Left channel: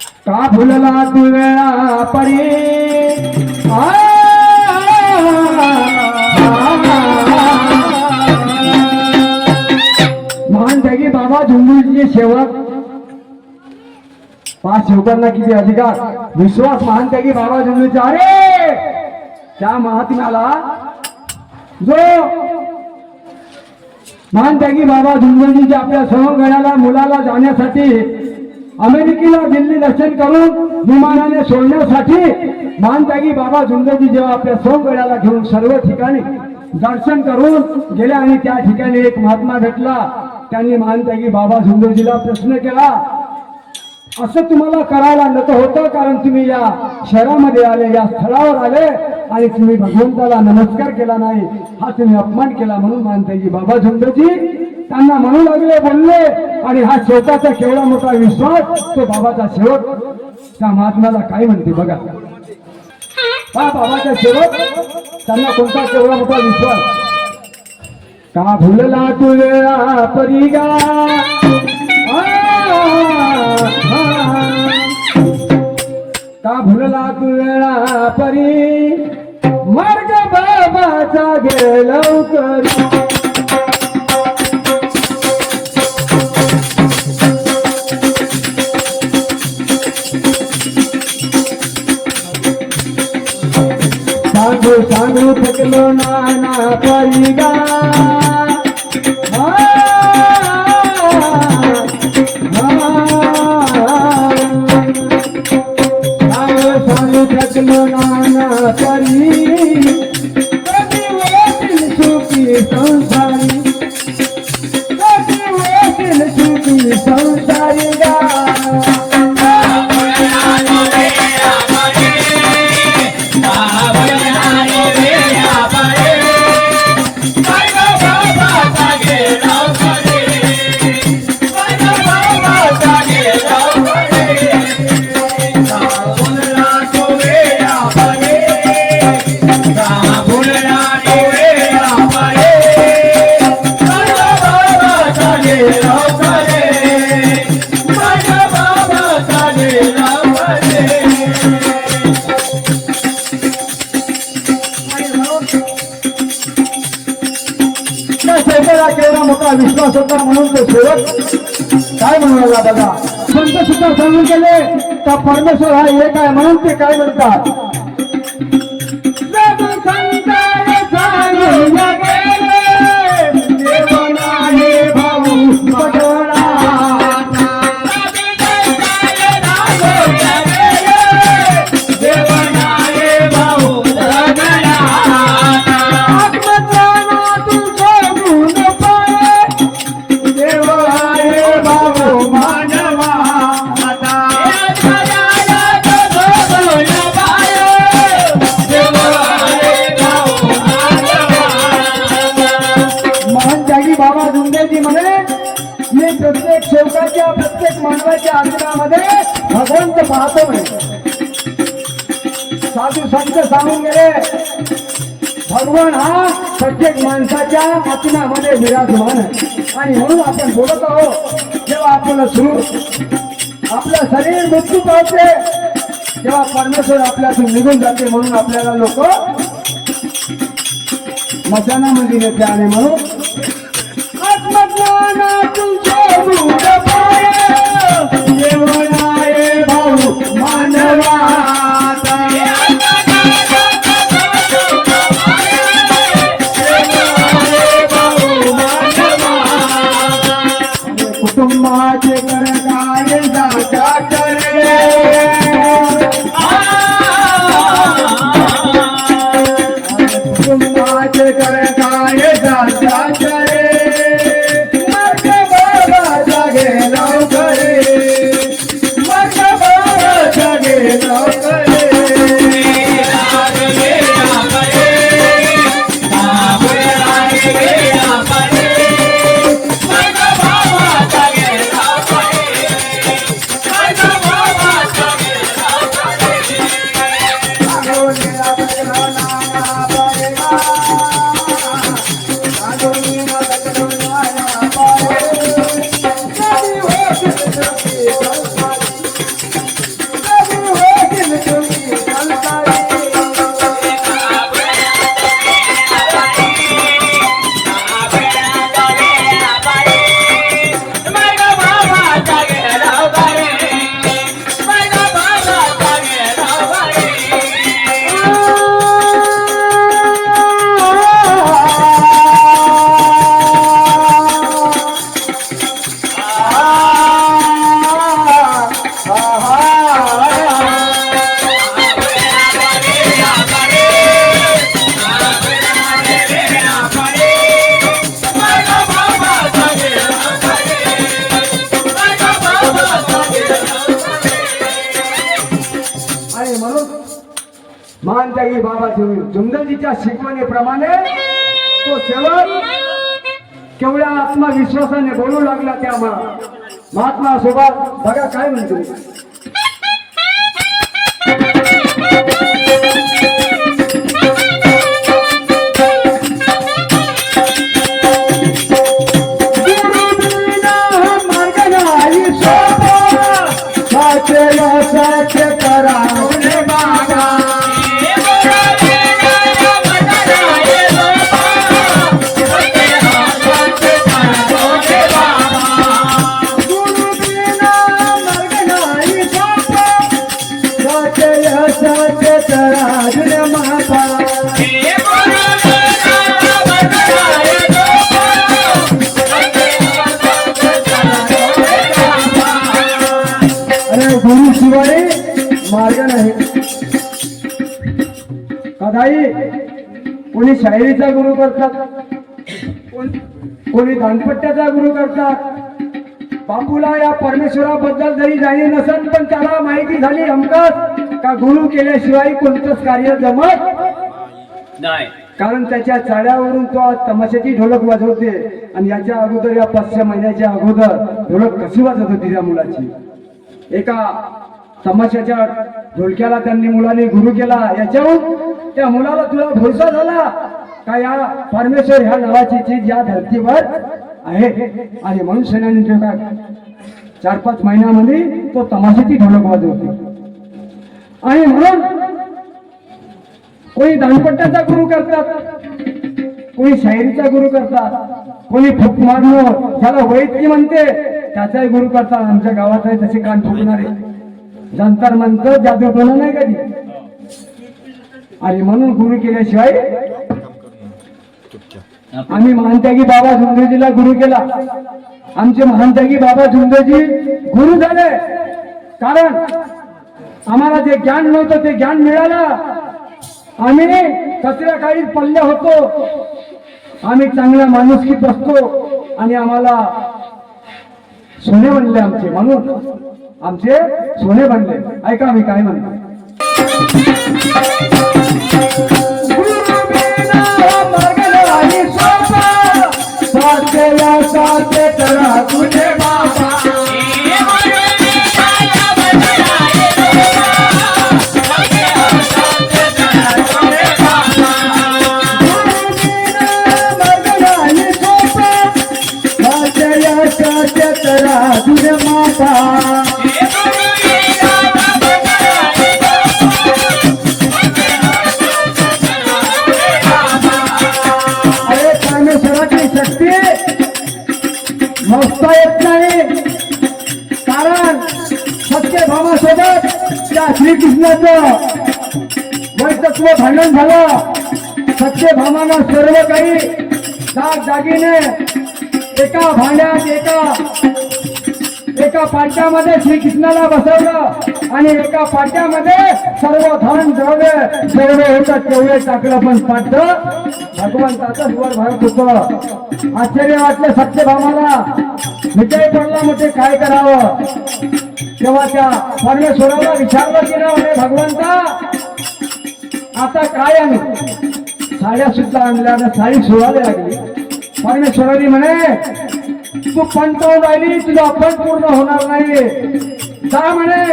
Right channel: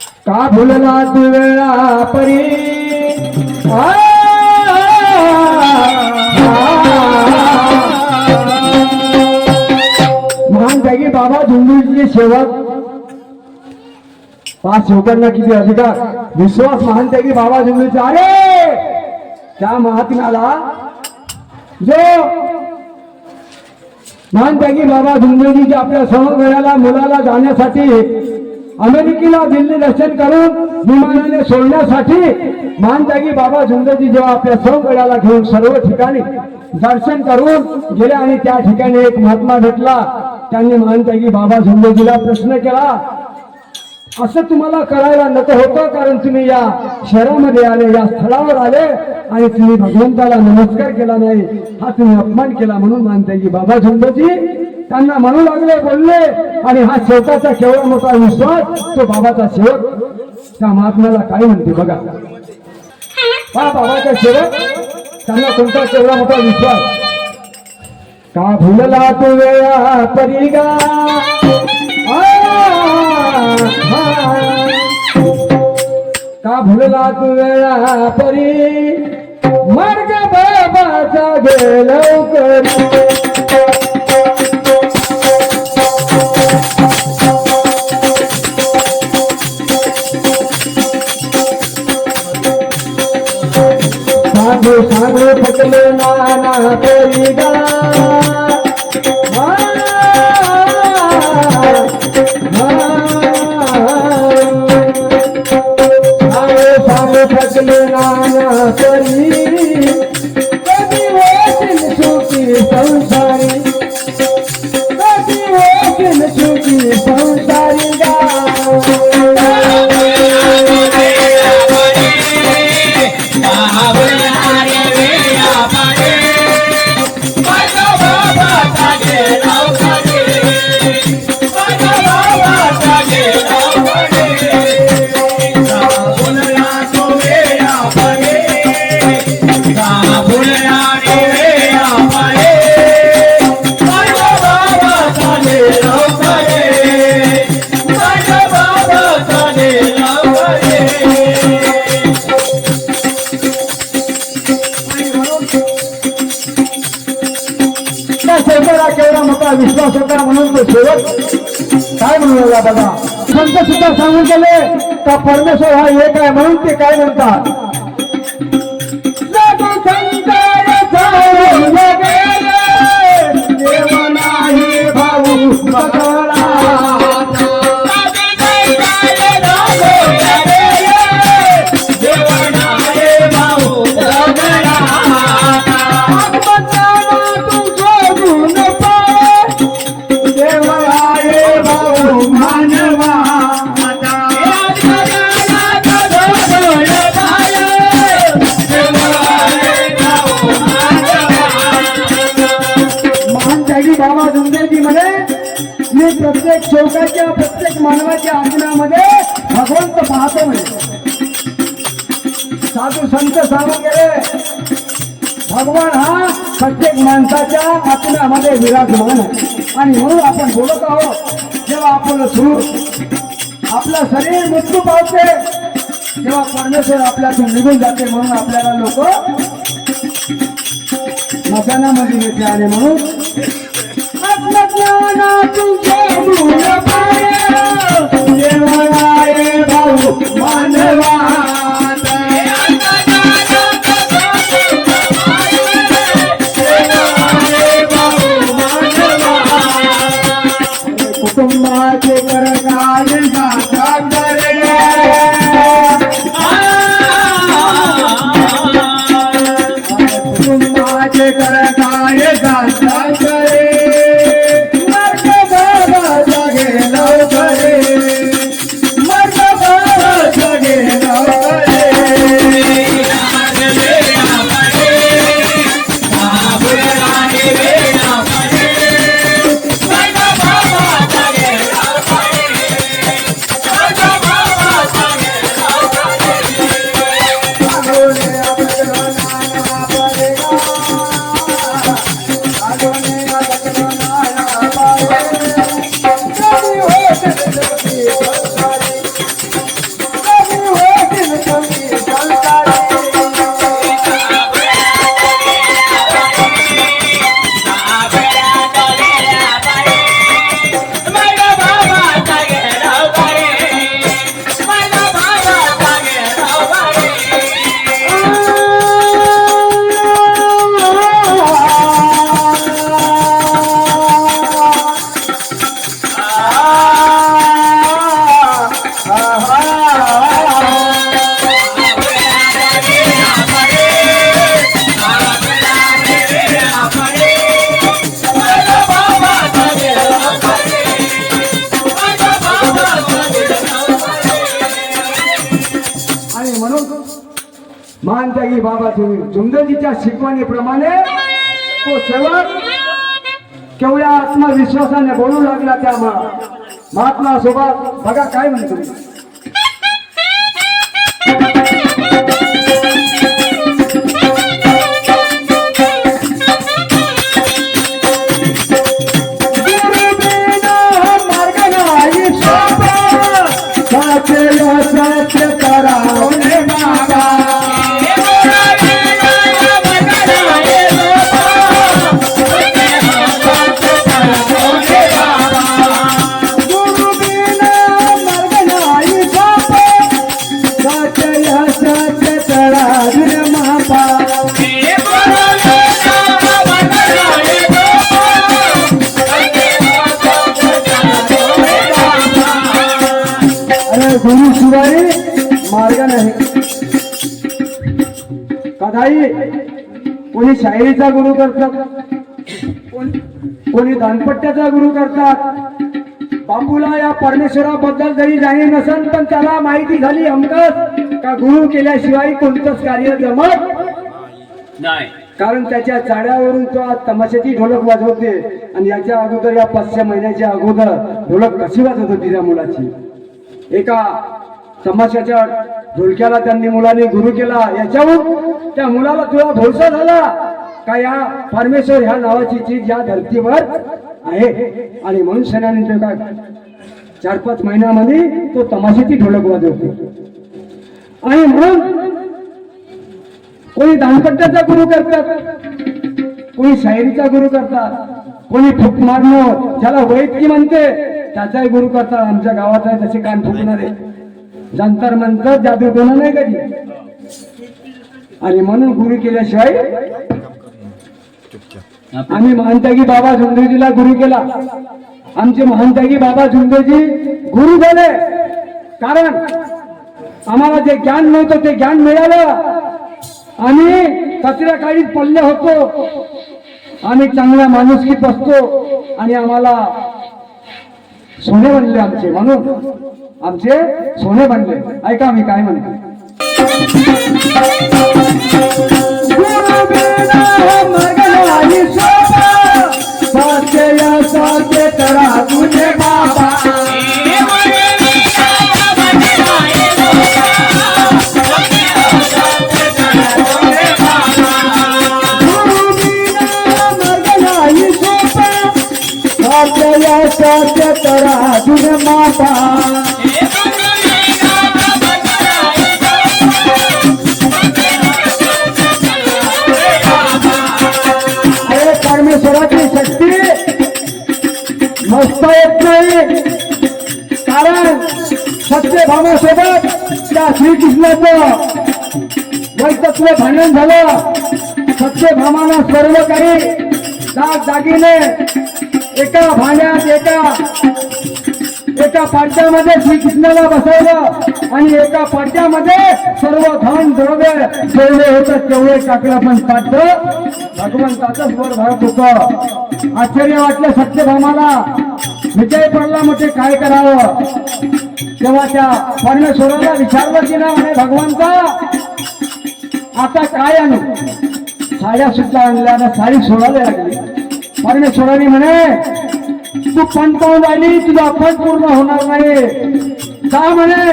का भुलला तू वेळा परी महान त्यागी बाबा झुंडूचे सेवक. पाच शेवकांना किती अधिकार? विश्वास महान त्यागी बाबा झुंडूचे अरे! त्या महात्म्याला जो महान त्यागी बाबा झुंडूजीच्या आपल्या सवंगडाला मुलाला जाण्यासाठी अमेरिकेला दिल्ली दर्शन करून विमानाने सोडण्यासाठी मानतागी बाबा झुंजजी जेव्हा आपल्या सौगड्याला घेऊन सर्व ठिकाणी दर्शन करून गेले आणि त्या ठिकाणी एक महात्मा भेटला. त्यांनी मानतागी बाबा झुंजजीला प्रश्न केला असं तुम्हाला करायला नको होतं कारण तुम्ही या शहरामध्ये आले या स्थळावर आले आणि तुम्ही भगवंताला नमस्कार केला नाही. हा तुम्ही अपमान केला म्हणून मानताय की बाबा झुंजजी त्यांना म्हणू लागले बोलले आणि हा शेवटाचा केवढा मोठा विश्वास तो बाबाचा शेवट. त्या महात्म्याला काय म्हणते बघा. हा बाबाचा शेवट त्यांना कोणता केवढा मोठा विश्वास? का भुलला तू वेळा परिगा का भुलला तू वेळा परी? मार्ग बाबाचा गे সংসার विश्वास होता म्हणून तो शेवट? काय म्हणूया बघा संत सुद्धा सांगून गेले का परमेश्वर हा एक आहे म्हणून ते काय म्हणतात? संत सांगून गेले. भगवान हा प्रत्येक माणसाच्या आत्म्यामध्ये विराजमान आहे. आणि म्हणून आपण बोलत आहोत जेव्हा आपण सुरू आपलं शरीर मृत्यू पावते तेव्हा परमेश्वर आपल्यातून निघून जाते म्हणून आपल्याला लोक मसानामध्ये येते आणि म्हणून आत्मज्ञानातून शोधून पाय, भाऊ मानवा. महानत्यागी बाबा झुम- झुमदेजीच्या शिकवणीप्रमाणे तो सेवक केवढ्या आत्मविश्वासाने बोलू लागला त्या महात्मा सोबत बघा काय म्हणतो. कोणी शायरीचा गुरु करतात. कोण- दानपट्ट्याचा गुरु करतात. बापूला या परमेश्वराबद्दल जरी जाणीव नसेल पण त्याला माहिती झाली हमकच का गुरु केल्याशिवाय कोणतंच कार्य जमत? नाही. कारण त्याच्या चाड्यावरून तो आज तमाशाची ढोलक वाजवते आणि याच्या अगोदर या पाच सहा महिन्याच्या अगोदर ढोलक कशी वाजत होती त्या मुलाची? एका तमाशाच्या ढोलक्याला त्यांनी मुलाने गुरु केला. याच्यावरून त्या मुलाला तुला भरोसा झाला. का या परमेश्वर ह्या नावाची चीज या धर्तीवर आहे? आणि म्हणून सेनानी जो का चार पाच महिन्यामध्ये तो तमाशाची ढोलक वाजवते. आणि म्हणून कोणी दानपट्ट्याचा गुरु करतात कोणी शायरीचा गुरु करतात कोणी फुक मारणं ज्याला वैद्य म्हणते त्याचाही गुरु करतात. आमच्या गावात आहे तसे कान फुकणारे जंतर मंतर जादू कोणा नाही कधी? आणि म्हणून गुरु केल्याशिवाय आम्ही महानत्यागी बाबा झुंबेजीला गुरु केला. आमचे महानत्यागी बाबा झुंबेजी गुरु झाले. कारण आम्हाला जे ज्ञान नव्हतं ते ज्ञान मिळालं. आम्ही कचऱ्या काळीत पडले होतो. आम्ही चांगल्या माणुसकीत बसतो आणि आम्हाला सोने बनले आमचे. म्हणून आमचे सोने बनले. ऐका मी काय म्हणतो. श्रीकृष्णाचं वैतत्व भांडण झालं. सत्यभामाला सर्व काही जाग जागीने एका भांड्यात एका एका पाट्यामध्ये श्रीकृष्णाला बसवलं आणि एका पाट्यामध्ये सर्व धन द्रव्य जेवढे होतं तेवढे टाकलं पण ताटं भगवंताचं वर भरत होत. आश्चर्य वाटलं सत्यभामाला. विजय पडला म्हणजे काय करावं? तेव्हा त्या परमेश्वराला विचारलं की ना म्हणे भगवंता आता काय आणू? साड्या सुद्धा आणल्या ना साडी सोडायला लागली. परमेश्वराने म्हणे तू पण आली राहिली तुझा पण पूर्ण होणार नाही का म्हणे?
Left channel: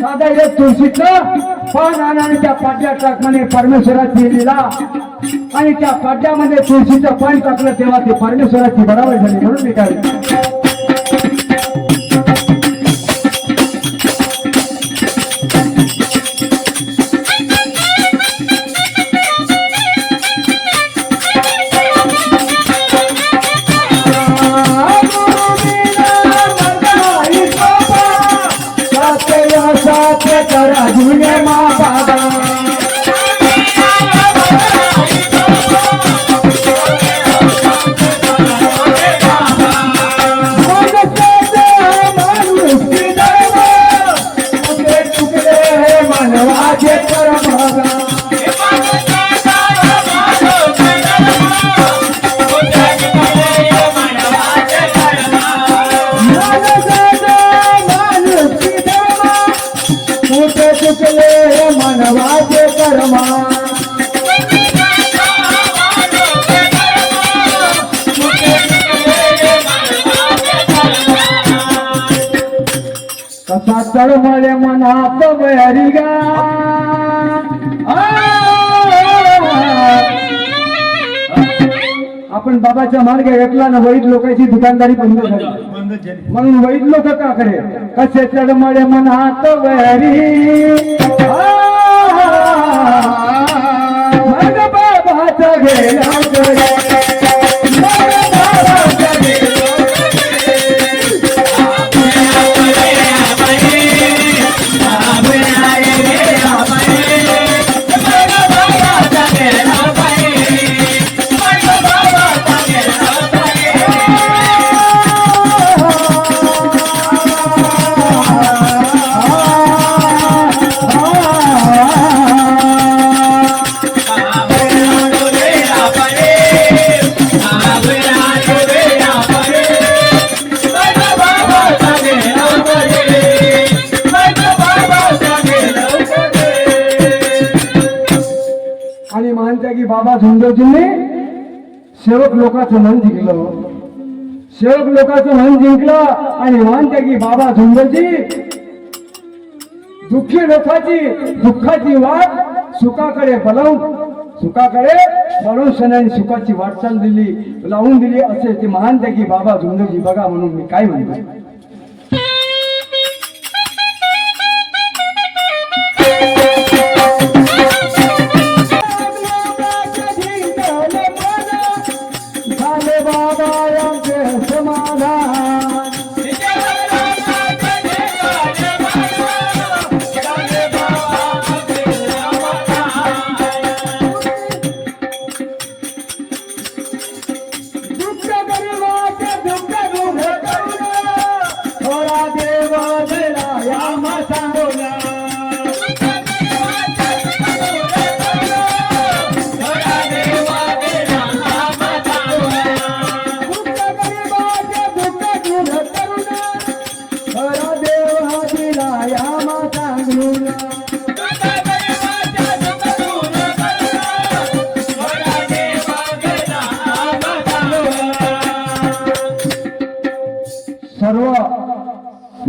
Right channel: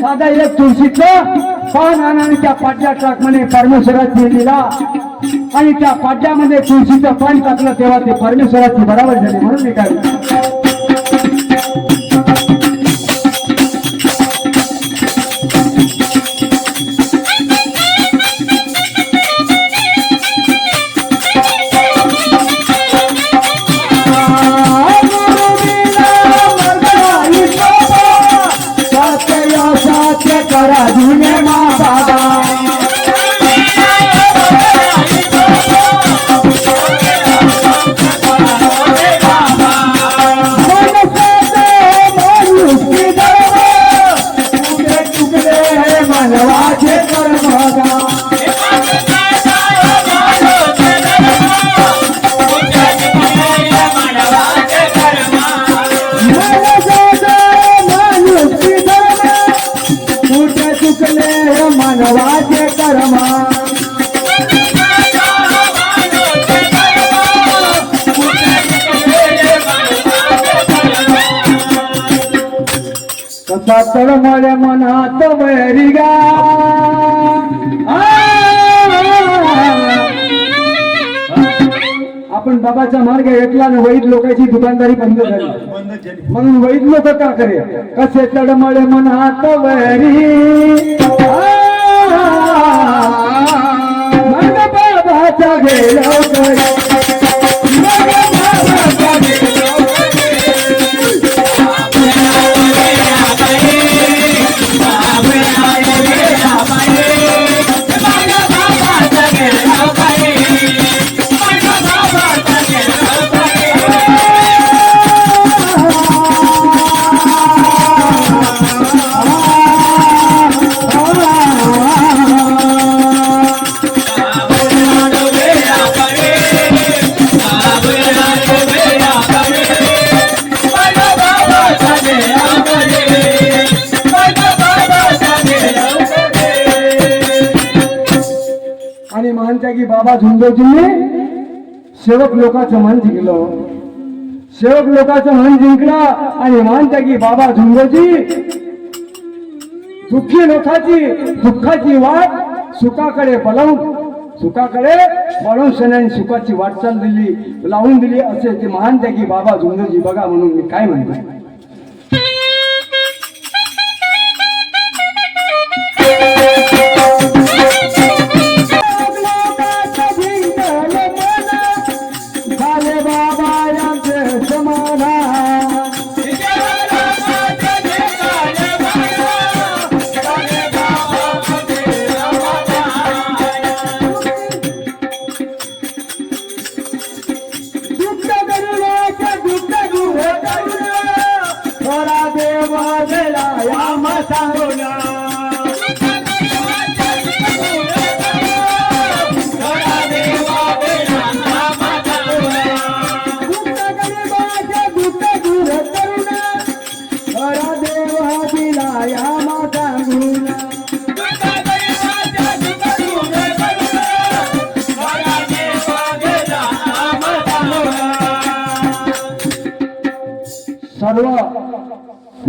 दादा इथे तुळशीचं पण आणि त्या पाट्या टाक म्हणे परमेश्वराची दिला. आणि त्या पाट्यामध्ये तुळशीचं पण टाकलं तेव्हा ते परमेश्वराची बरोबर झाली म्हणून मी तळमळे मनात वैरी गा। आ! आपण बाबाचा मार्ग घेतला ना वैद लोकांची दुकानदारी बंद झाली. बंद केली. म्हणून वैद लोक का करे? कसे तडमळे मनात वैरी बाबाचा गेला बाबा झुंजोजींनी सेवक लोकांचं मन जिंकलं. सेवक लोकांचं मन जिंकलं आणि महानत्यागी बाबा झुंजोजी दुःखी लोकांची दुःखाची वाट सुखाकडे बलवून सुखाकडे वळून सणाने सुखाची वाटचाल दिली लावून दिली असे ते महान त्यागी बाबा झुंजोजी बघा म्हणून मी काय म्हणतो.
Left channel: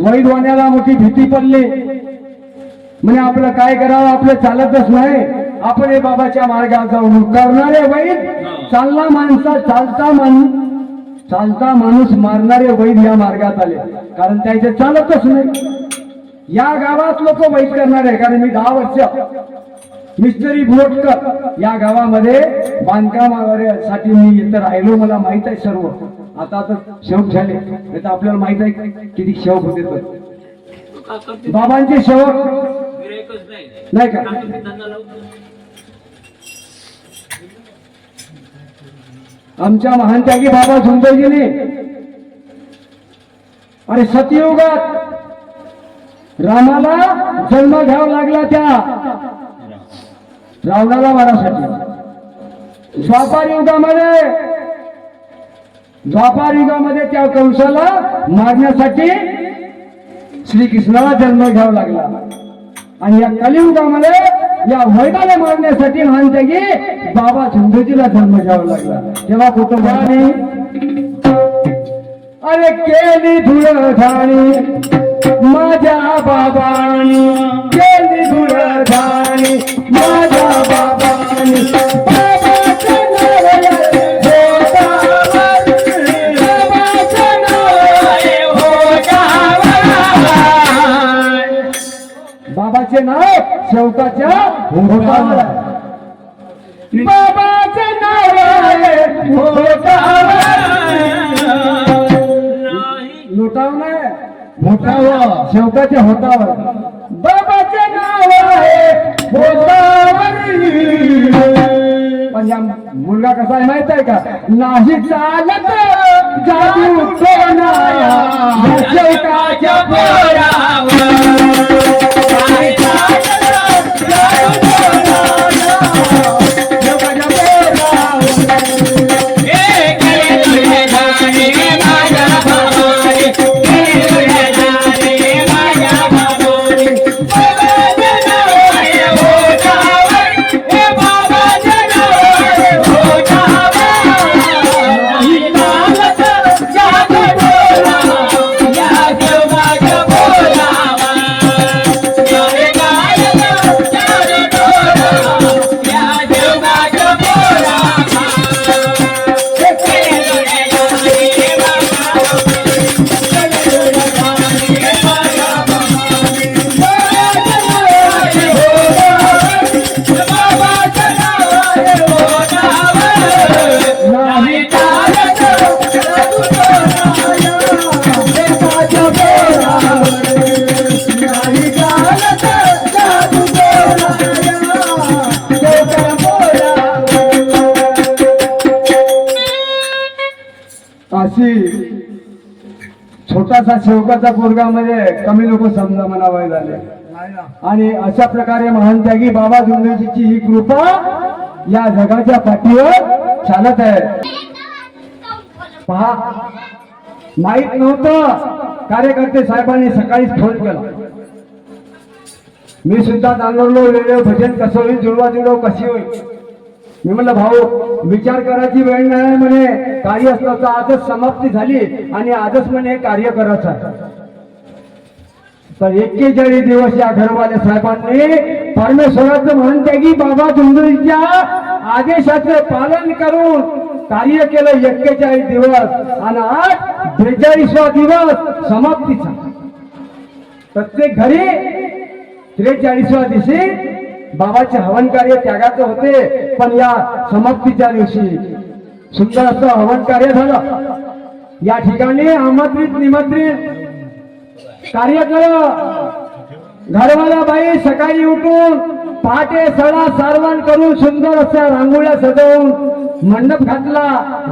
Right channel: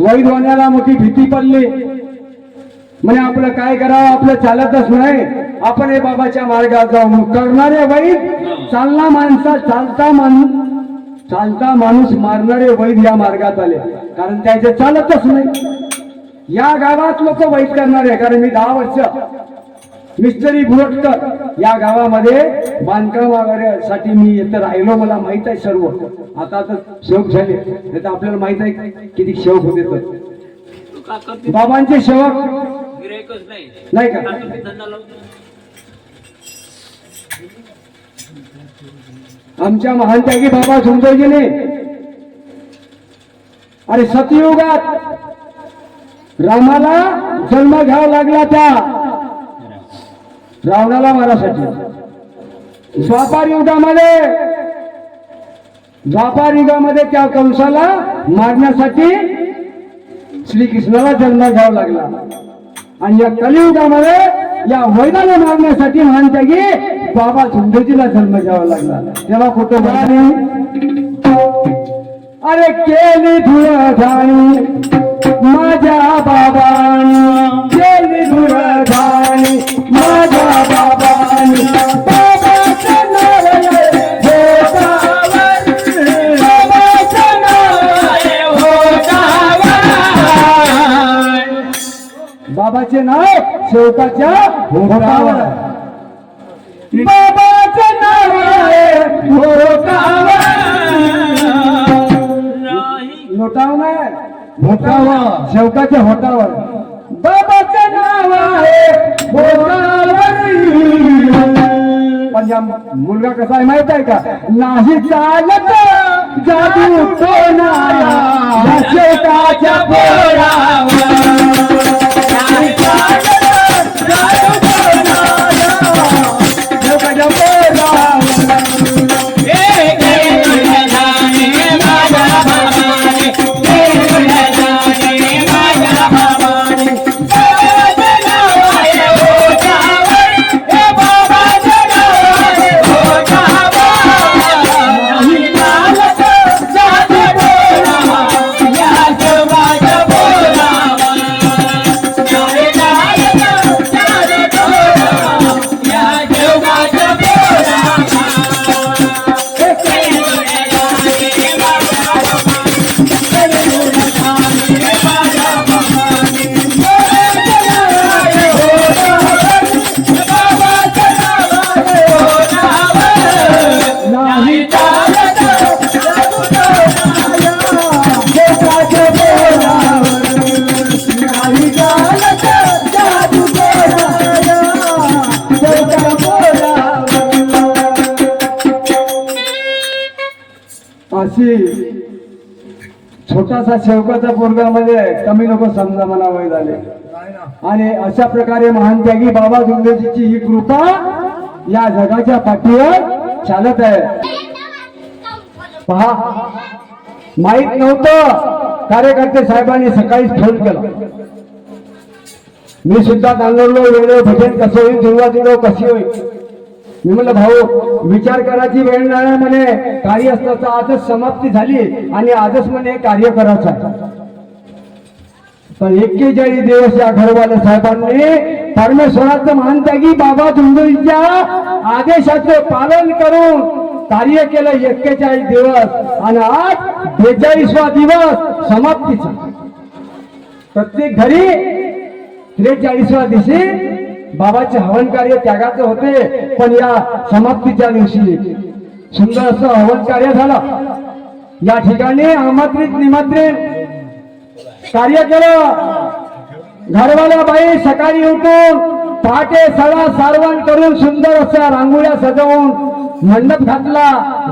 वैद्वान्याला मोठी भीती पडली. म्हणजे आपलं काय करावं? आपलं चालतच नाही. आपण हे बाबाच्या मार्गात जाऊन करणारे वैद चालना माणसा चालता माणूस चालता माणूस मारणारे वैद या मार्गात आले. कारण त्याचे चालतच नाही. या गावात लोक वैद करणारे कारण मी दहा वर्ष मिस्टरी भोटकर या गावामध्ये बांधकाम वगैरे साठी मी इथं राहिलो मला माहीत आहे सर्व. आता तर शेवक झाले. नाही तर आपल्याला माहीत आहे किती शेवक होते तर. बाबांचे शेवक नाही का? आमच्या महानत्यागी बाबा झुंबईजीने आणि सतयुगात रामाला जन्म घ्यावा लागला त्या. रावणाला मारासाठी. द्वापार युगामध्ये द्वापार युगामध्ये त्या कंसाला मारण्यासाठी श्रीकृष्णाला जन्म घ्यावा लागला. आणि या कलियुगामध्ये या वैदाला मारण्यासाठी म्हणते की बाबा झुंजजीला जन्म घ्यावा लागला. तेव्हा कुठं झाली अरे केली धुळ माझ्या बाबांनी बाबाचं नाव शेवकाच्या भोगावर आहे. बाबाचे नाव आहे भोगावर. नाही. लोटाव नाही. होटावर शेवकाच्या होटावर. मुलगा कसा आहे माहीत आहे का? नाही चालत जादू कोणाला छोटासा शेवकाचा पोरगा म्हणजे कमी लोक समजा मला वय झाले. आणि अशा प्रकारे महान त्यागी बाबा जुंगजीची ही कृपा या जगाच्या पाठीवर चालत आहे. पहा माहीत नव्हतं कार्यकर्ते साहेबांनी सकाळीच फोन केला. मी सुद्धा तांदळलो वेळ भजन कसं होईल जुळवा जुळव कशी होईल? मी म्हणलं भाऊ विचार करायची वेळ नाही म्हणे. कार्य असताचा आजच समाप्ती झाली आणि आजच म्हणे कार्य करायचं तर एक्केचाळीस दिवस या घरवाल्या साहेबांनी परमेश्वराचं महानत्यागी बाबा धुंदरीच्या आदेशाचे पालन करून कार्य केलं एक्केचाळीस दिवस आणि आज बेचाळीसवा दिवस समाप्तीचा. प्रत्येक घरी त्रेचाळीसव्या दिवशी बाबाचे हवन कार्य त्यागाचे होते पण या समाप्तीच्या दिवशी सुंदर असं हवन कार्य झालं. या ठिकाणी आमंत्रित निमंत्रित कार्य केलं. घरवाल्या बाई सकाळी उठून पहाटे सळा सारवण करून सुंदर असं रांगोळ्या सजवून मंडप घातला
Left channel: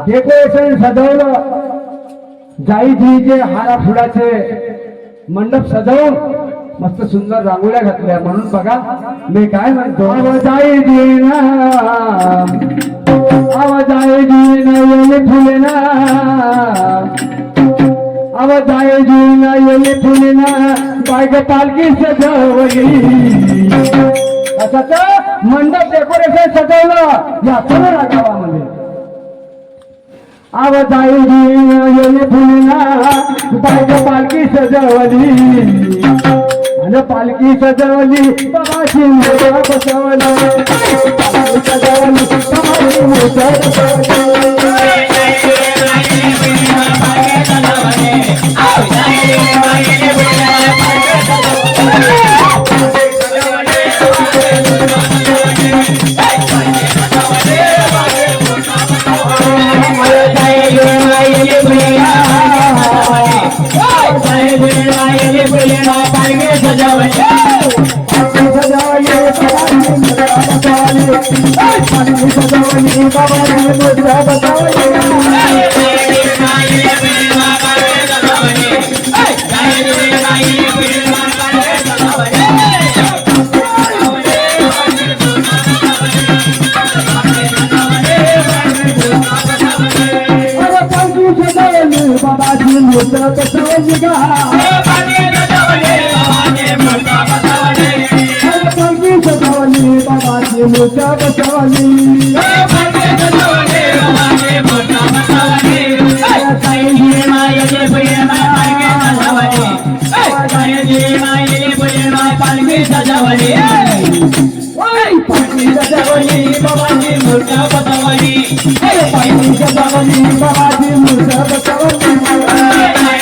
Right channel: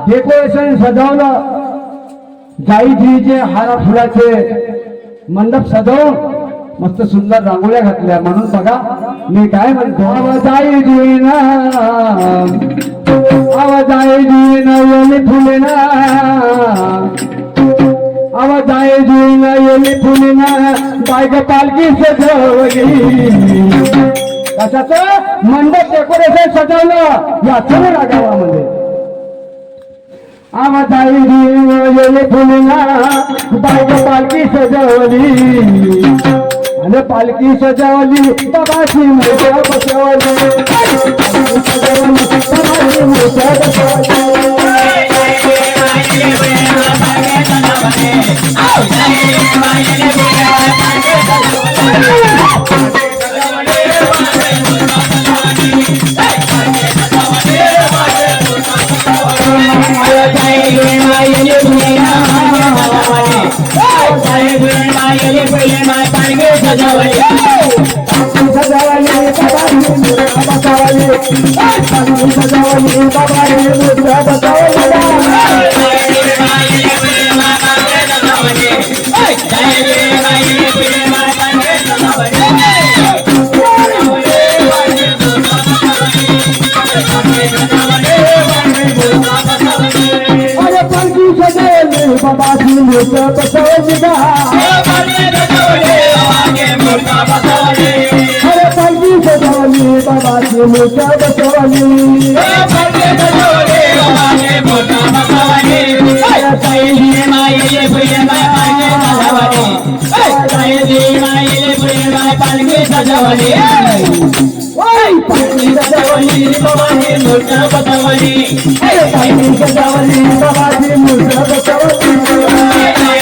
डेकोरेशन सजवलं. जाईजीचे हारा फुलाचे मंडप सजवून मस्त सुंदर रांगोळ्या घातल्या. म्हणून बघा मी काय म्हणतो? आवाजाई जीना आवाजाई जीना येले फुले ना. आवाजाई जीना येले फुले ना. बायग पालखी सजवली. कशाच? मंडप डेकोरेशन सजवलं. या सर्व गावामध्ये आवाजाई गेले फुलना बायग पालखी सजवली. आणि पालखी सजवली बाबाची मोठ्या बसवली पालखी सजवली बसवली बाबा शिंदे बसवली पालखी सजवली बाबाजी मूर्त्या बसवली पालखी सजवली बाबाजी मूर्त्या बसवली